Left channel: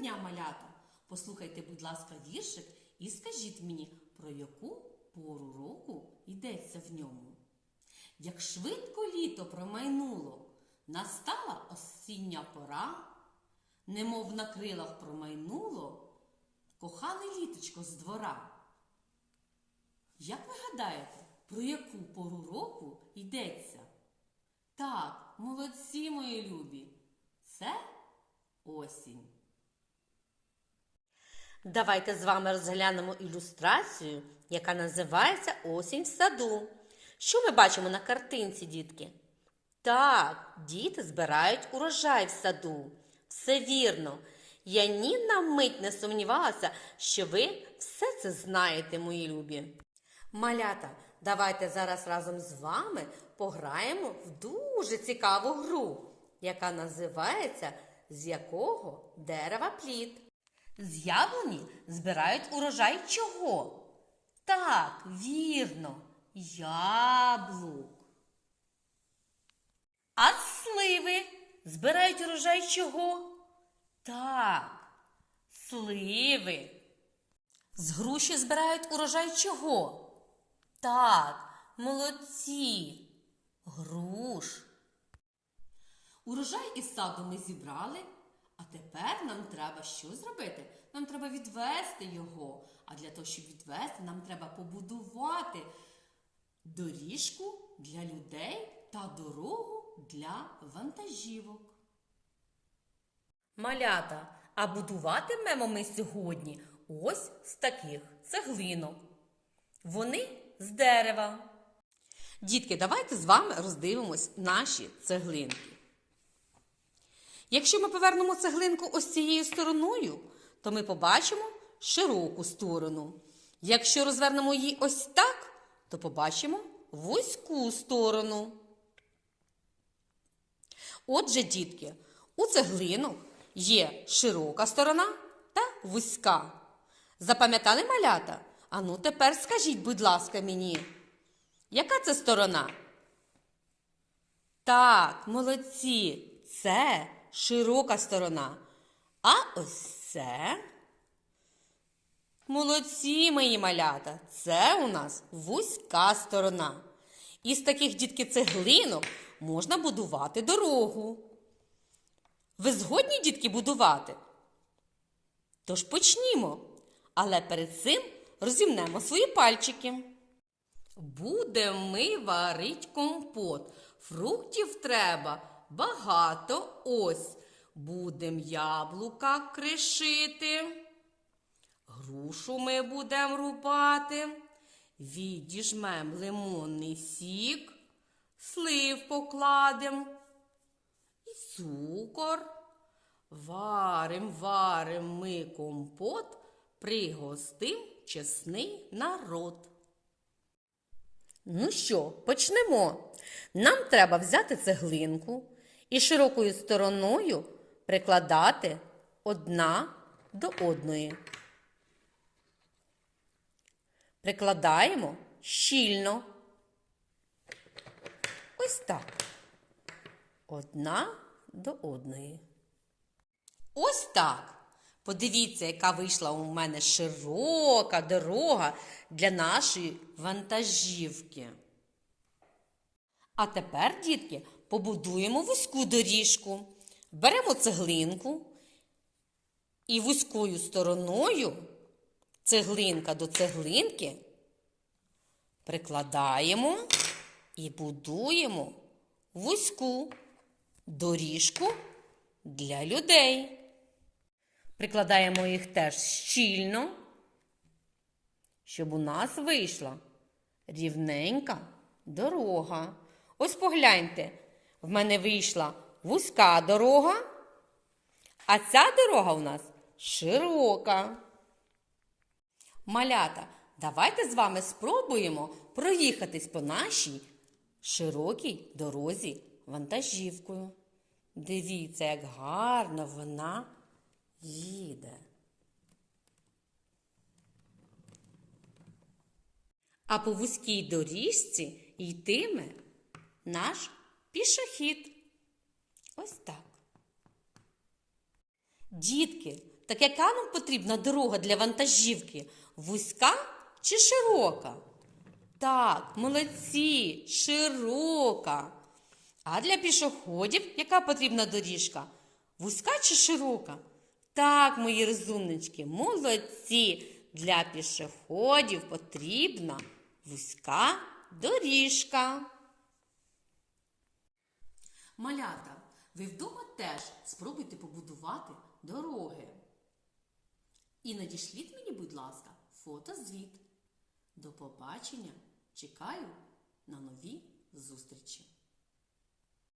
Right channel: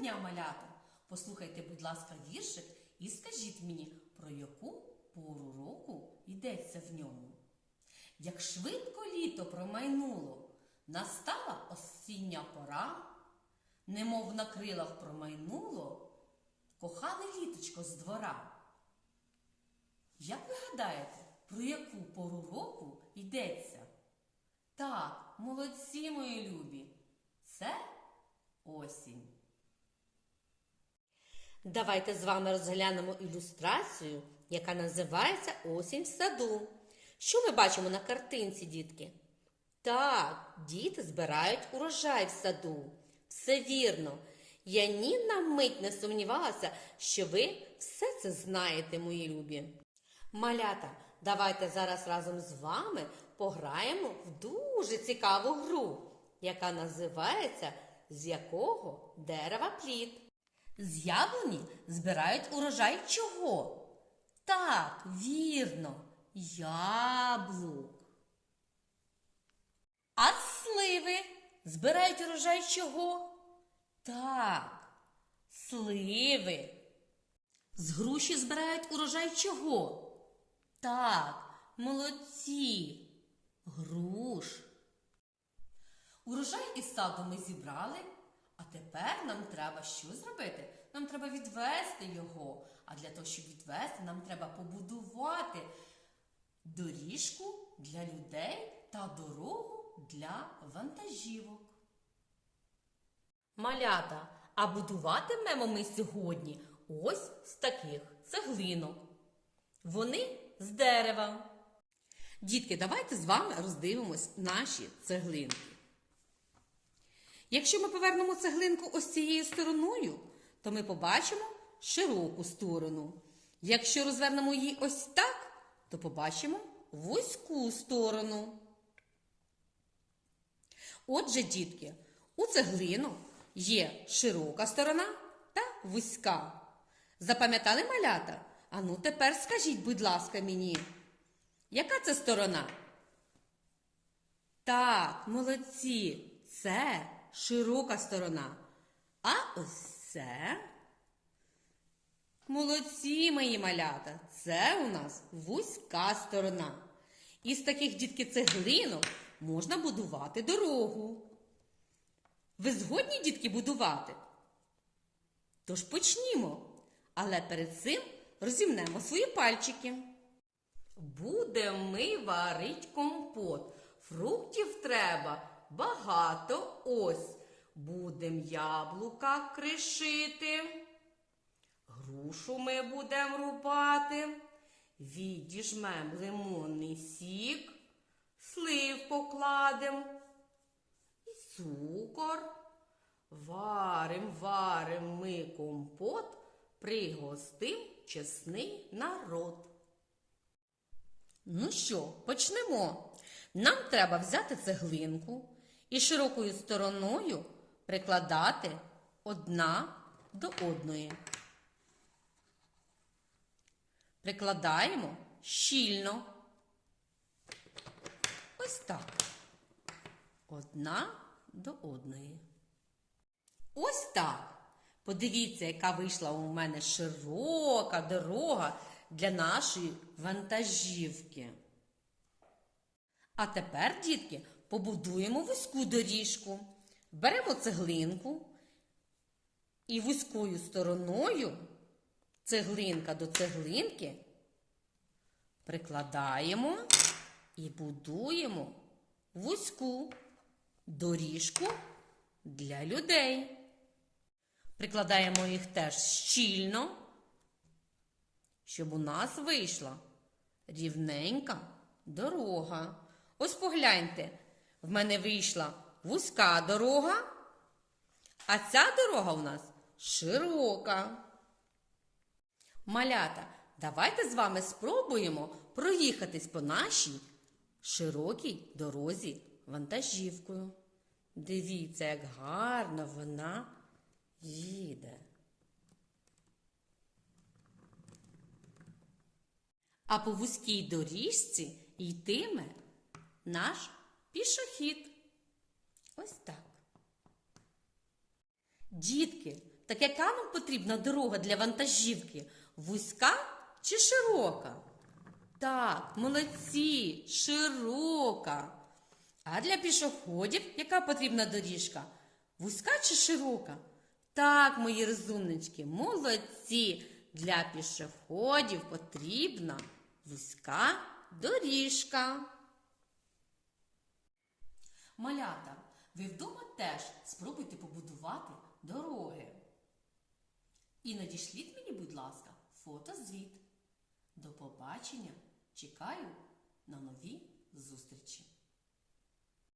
дня, малята! Послухайте, будь ласка, віршик і скажіть мені, про яку пору року йдеться в ньому. Як швидко літо промайнуло, настала осіння пора, немов на крилах промайнуло, кохане літочко з двора. Як ви гадаєте, про яку пору року йдеться? Так, молодці мої любі, це осінь. Давайте з вами розглянемо ілюстрацію, яка називається Осінь в саду. Що ми бачимо на картинці, дітки? Так, діти збирають урожай в саду. Все вірно. Я ні на мить не сумнівалася, що ви все це знаєте, мої любі. Малята, давайте зараз разом з вами пограємо в дуже цікаву гру, яка називається З якого дерева плід. З яблуні збирають урожай чого? Так, вірно, яблук. А з сливи збирають урожай чого? Так, сливи. З груші збирають урожай чого? Так, молодці. Груш. Урожай із саду ми зібрали, тепер нам треба що зробити? Нам треба відвести його. А для того, щоб відвести, нам треба побудувати доріжку для людей та дорогу для вантажівок. Малята, а будуватимемо ми сьогодні ось з таких цеглинок. Вони з дерева. Дітки, давайте з вами роздивимось наші цеглинки. Якщо ми повернемо цеглинку ось цією стороною, то ми побачимо широку сторону. Якщо розвернемо її ось так, то побачимо вузьку сторону. Отже, дітки, у цеглину є широка сторона та вузька. Запам'ятали малята? Ану, тепер скажіть, будь ласка, мені, яка це сторона? Так, молодці, це широка сторона. А ось це. Молодці, мої малята, це у нас вузька сторона. Із таких дітки цеглинок можна будувати дорогу. Ви згодні, дітки, будувати? Тож почнімо. Але перед цим розімнемо свої пальчики. Будемо ми варить компот. Фруктів треба багато ось. Будем яблука кришити. Грушу ми будемо рубати. Відіжмем лимонний сік, слив покладем і цукор. Варим, варим ми компот, пригостив чесний народ. Ну що, почнемо. Нам треба взяти цеглинку і широкою стороною прикладати одна до одної. Прикладаємо щільно. Ось так. Одна до одної. Ось так. Подивіться, яка вийшла у мене широка дорога для нашої вантажівки. А тепер, дітки, побудуємо вузьку доріжку. Беремо цеглинку і вузькою стороною цеглинка до цеглинки прикладаємо і будуємо вузьку доріжку для людей. Прикладаємо їх теж щільно, щоб у нас вийшла рівненька дорога. Ось погляньте, в мене вийшла вузька дорога, а ця дорога у нас широка. Малята, давайте з вами спробуємо проїхатись по нашій широкій дорозі вантажівкою. Дивіться, як гарно вона їде. А по вузькій доріжці йтиме наш пішохід. Ось так. Дітки, Так яка нам потрібна дорога для вантажівки? Вузька чи широка? Так, молодці, широка. А для пішоходів яка потрібна доріжка? Вузька чи широка? Так, мої розумнички, молодці. Для пішоходів потрібна вузька доріжка. Малята, ви вдома теж спробуйте побудувати дороги. І надішліть мені, будь ласка, фотозвіт. До побачення. Чекаю на нові зустрічі.